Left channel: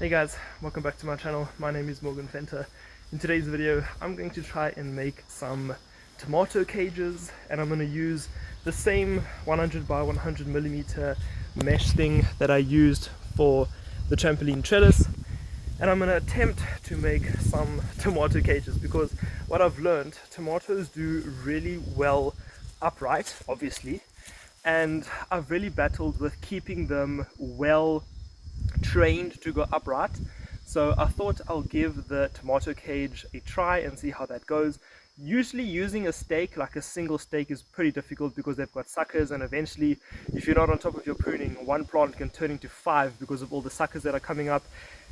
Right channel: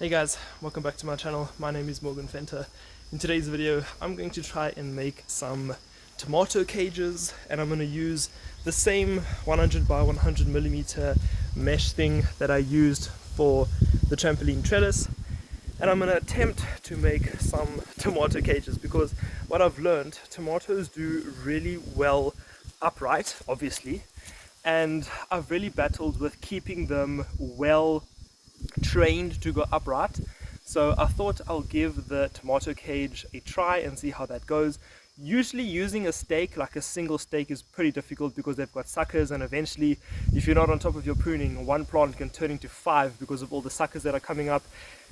Hey guys, welcome back to my channel. My name is Morgan Fenter. In today's video I'm going to try and make some tomato cages, and I'm going to use the same 100 by 100 millimeter mesh thing that I used for the trampoline trellis, and I'm going to attempt to make some tomato cages because what I've learned, tomatoes do really well upright, obviously, and I've really battled with keeping them well trained to go upright. So I thought I'll give the tomato cage a try and see how that goes. Usually using a stake, like a single stake, is pretty difficult because they've got suckers, and eventually if you're not on top of your pruning, one plant can turn into 5 because of all the suckers that are coming up,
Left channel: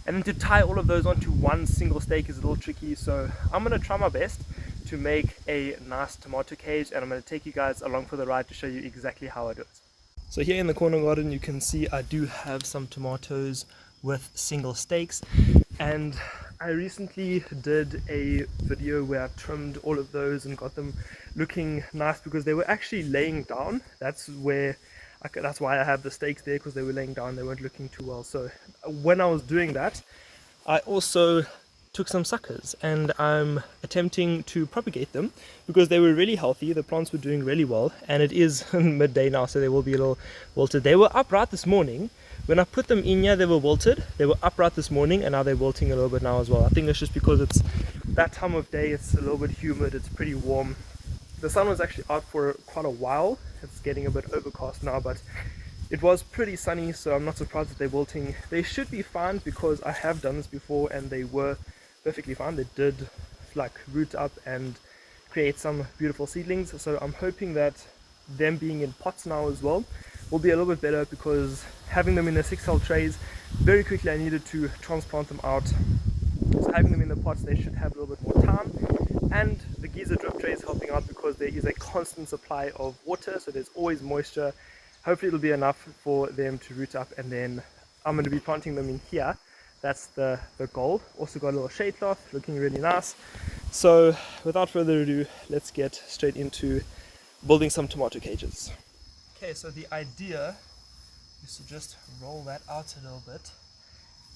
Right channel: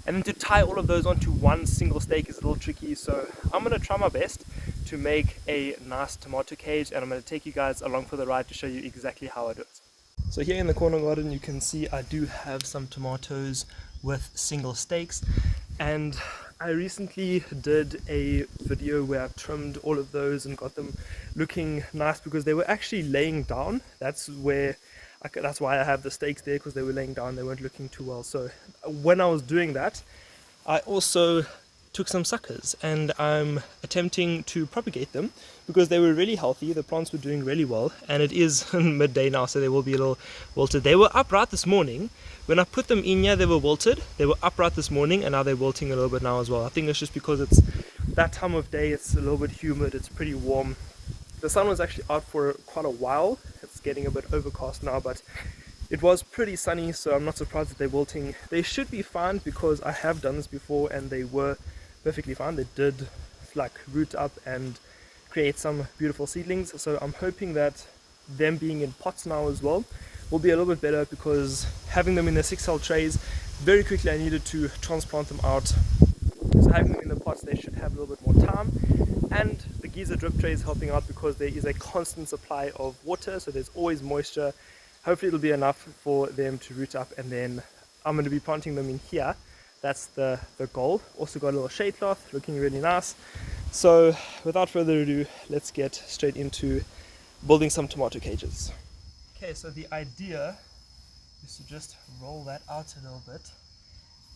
and then to tie all of those onto one single stake is a little tricky. So I'm going to try my best to make a nice tomato cage, and I'm going to take you guys along for the ride to show you exactly how I do it. So here in the corner garden you can see I do have some tomatoes with single stakes, and I recently did a video where I trimmed all of those and got them looking nice because they were actually laying down. That's why I have the stakes there, because they were laying down, they weren't looking too well. So when I was doing that, I also took some suckers and I'm attempting to propagate them because they were really healthy. The plants were doing really well, and it is midday now, so they will be a little wilted. They were upright this morning. When I put them in here, they were wilted. They were upright this morning, and now they're wilting a little bit now as well. I think it's just because it's that time of day, it's a little bit humid, it's pretty warm. The sun was actually out for quite a while. It's getting a bit overcast now, but it was pretty sunny, so I'm not surprised that they're wilting. They should be fine because I have done this before and they were perfectly fine. They did like root up and create some beautiful seedlings. So I'm hoping that them being in pots now as well will be a little bit better, because having them in the 6L trays, very quickly I needed to transplant them out. So having them in the pots, they should have a little bit more time. And the geyser drip tray is helping out because there is a constant supply of water, so there's always moisture. Hopefully it'll be enough for them to root up, and then I'm going to be planting them in here. That's the goal. Also got a little shade cloth, looking really nice. So without further ado, let's get straight into building some tomato cages. Okay, so the idea is to just roll that out a little bit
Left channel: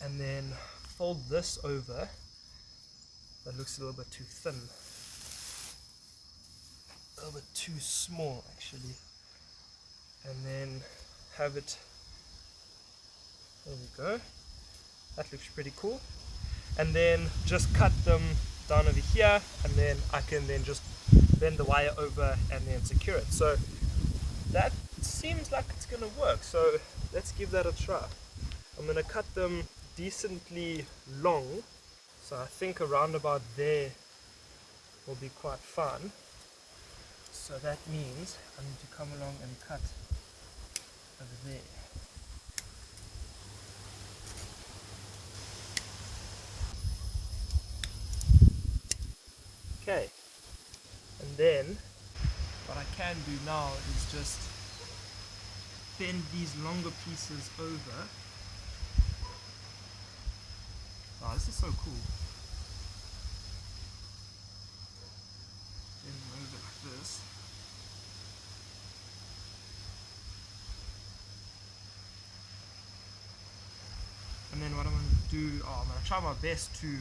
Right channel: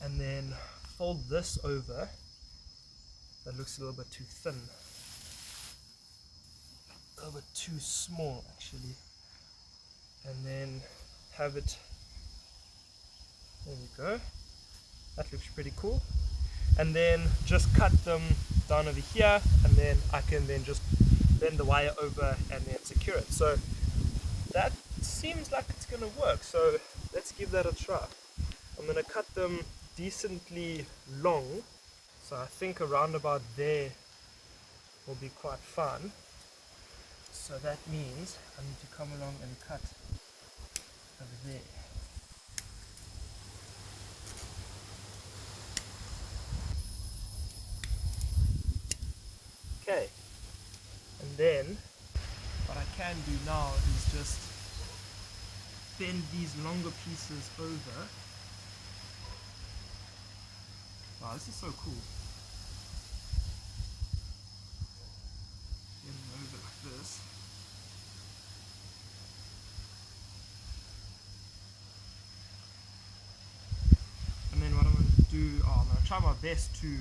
and then fold this over. That looks a little bit too thin, a little bit too small actually, and then have it, there we go. That looks pretty cool. And then just cut them down over here, and then I can then just bend the wire over and then secure it. So that seems like it's gonna work, so let's give that a try. I'm gonna cut them decently long, so I think around about there will be quite fun. So that means I need to come along and cut over there. Okay, and then what I can do now is just bend these longer pieces over. Wow, this is so cool. Bend them over like this. And then what I'm going to do, I'm going to try my best to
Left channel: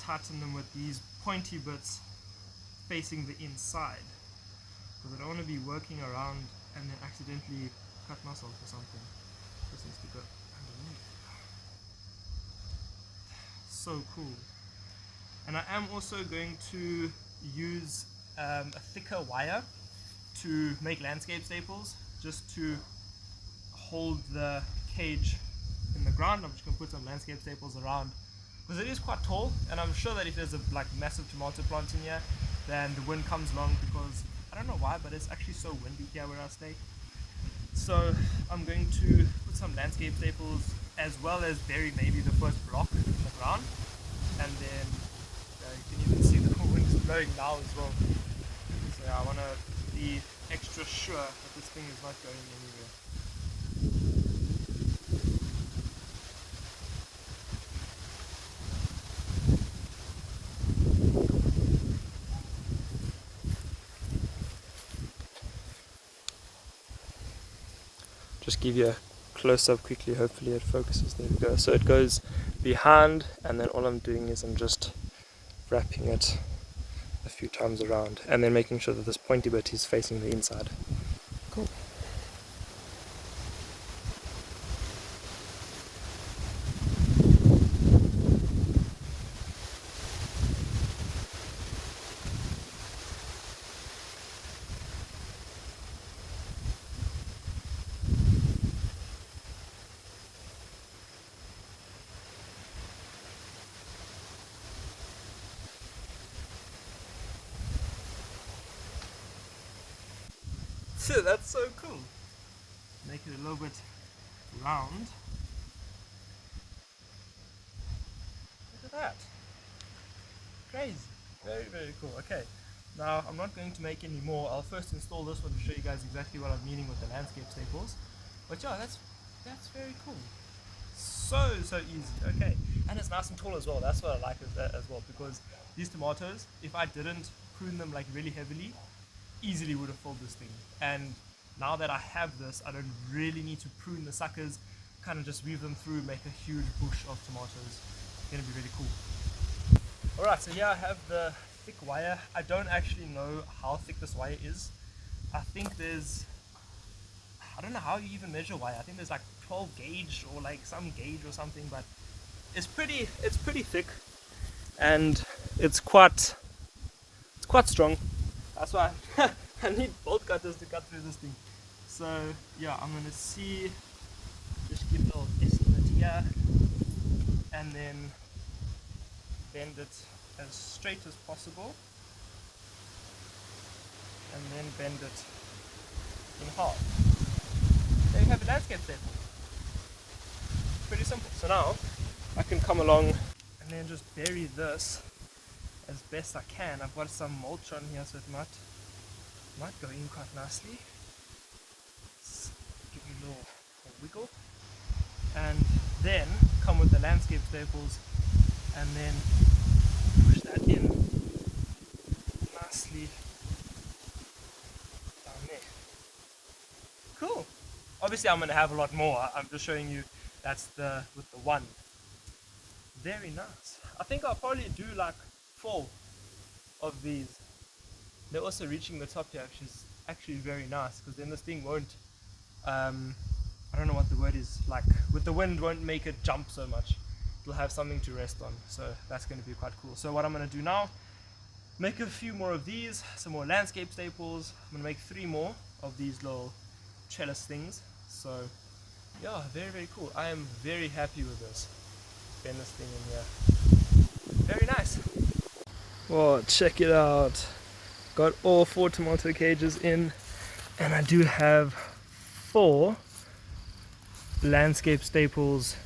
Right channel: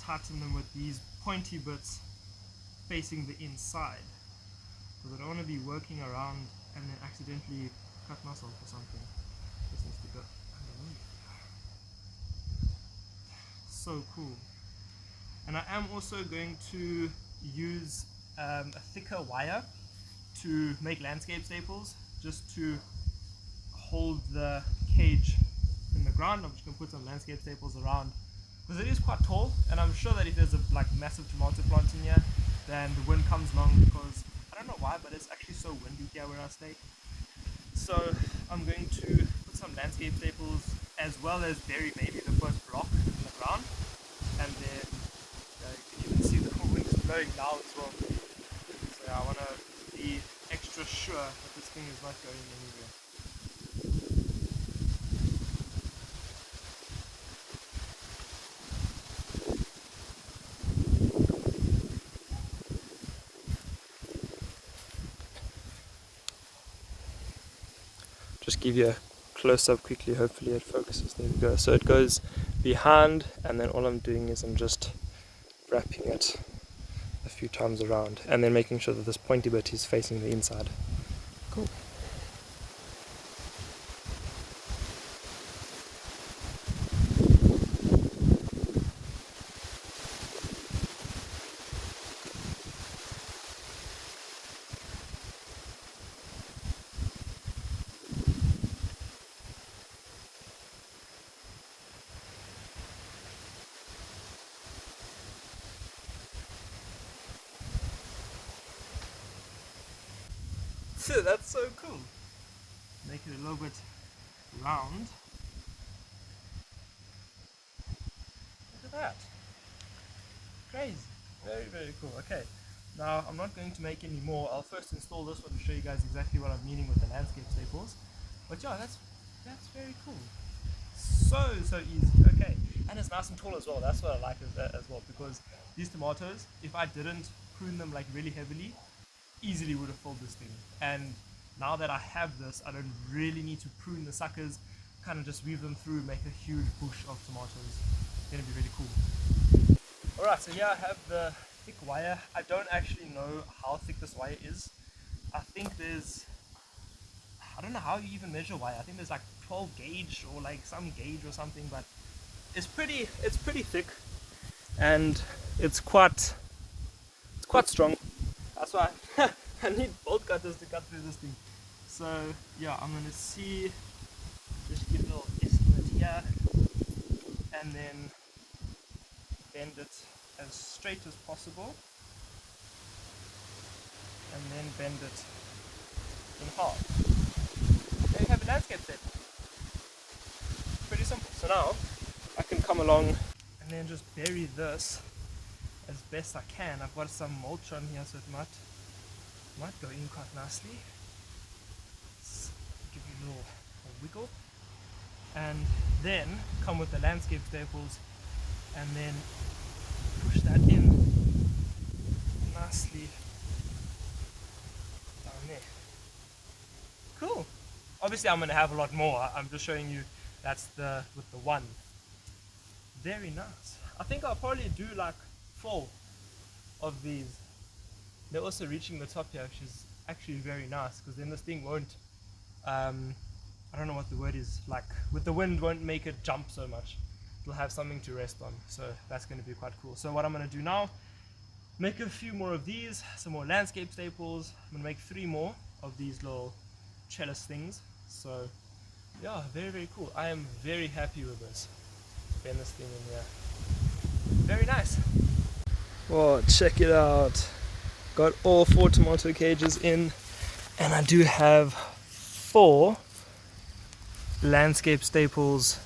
tighten them with these pointy bits facing the inside, because I don't want to be working around and then accidentally cut myself or something. This needs to go underneath. So cool. And I am also going to use a thicker wire to make landscape staples, just to hold the cage in the ground. I'm just going to put some landscape staples around, because it is quite tall, and I'm sure that if there's a massive tomato plant in here, then the wind comes along, because I don't know why, but it's actually so windy here where I stay. So I'm going to put some landscape staples, as well as bury maybe the first block in the ground, and then you can even see the wind is blowing now as well. So yeah, I want to be extra sure that this thing is not going anywhere. Just give you a close up quickly, hopefully it focuses. There we go. So it goes behind, and then all I'm doing is I'm just wrapping it a few times around and then making sure that this pointy bit is facing the inside. Cool. That's so cool. Make it a little bit round. Look at that. Crazy. Very, very cool. Okay. Now I'm not going to make any more. I'll first install this one to show you guys exactly what I'm meaning with the landscape staples. But yeah, that's very cool. So easy. Okay. And it's nice and tall as well. That's what I like as well, because these tomatoes, if I didn't prune them like really heavily, easily would have filled this thing. And now that I have this, I don't really need to prune the suckers, kind of just weave them through, make a huge bush of tomatoes. It's going to be really cool. Alright, so here I have the thick wire. I don't actually know how thick this wire is. I think I don't know how you even measure wire. I think there's like 12 gauge or like some gauge or something, but it's pretty thick, and it's quite strong. That's why I need bolt cutters to cut through this thing. So yeah, I'm gonna just give a little estimate here, and then bend it as straight as possible, and then bend it in half. There you have a landscape staple. Pretty simple. So now I can come along and then just bury this as best I can. I've got some mulch on here, so it might go in quite nicely. Let's give you a little wiggle, and then come with the landscape staples and then push that in nicely down there. Cool. Obviously I'm going to have a lot more. I'm just showing you that's with the one. Very nice. I think I'll probably do like 4 of these. They're also reaching the top here, which is actually very nice, because then this thing won't, I don't know what the word is, like with the wind won't make it jump so much. It'll have something to rest on, so that's going to be quite cool. So what I'm going to do now, make a few more of these, some more landscape staples. I'm going to make 3 more of these little trellis things. So yeah, very, very cool. I am very happy with this. Bend this thing in here. Very nice. Whoa, check it out. Got all 4 tomato cages in, and I do have 4 landscape staples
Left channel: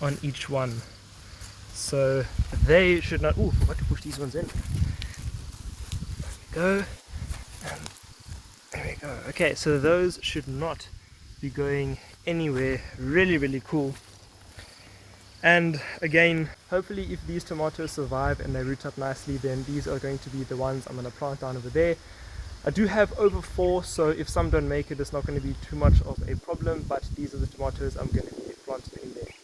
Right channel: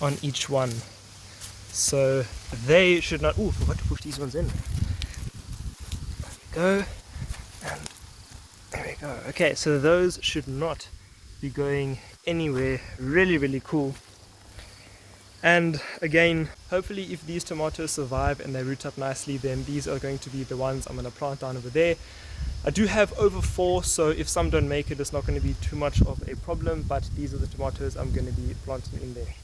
on each one. So they should not, ooh, forgot to push these ones in. There we go. And there we go. Okay, so those should not be going anywhere. Really, really cool. And again, hopefully if these tomatoes survive and they root up nicely, then these are going to be the ones I'm going to plant down over there. I do have over 4, so if some don't make it, it's not going to be too much of a problem, but these are the tomatoes I'm going to be planting in there.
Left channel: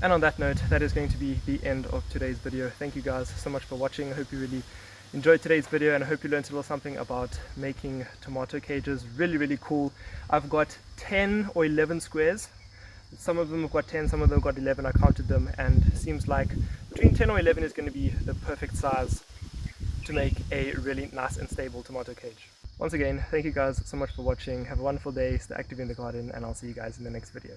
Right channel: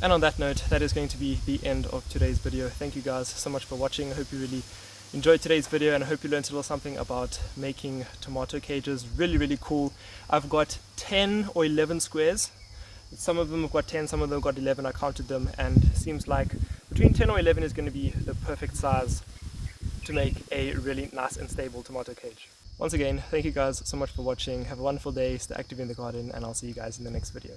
And on that note, that is going to be the end of today's video. Thank you guys so much for watching. I hope you really enjoyed today's video, and I hope you learned a little something about making tomato cages. Really, really cool. I've got 10 or 11 squares. Some of them have got 10, some of them have got 11. I counted them, and it seems like between 10 or 11 is going to be the perfect size to make a really nice and stable tomato cage. Once again, thank you guys so much for watching. Have a wonderful day, stay active in the garden, and I'll see you guys in the next video.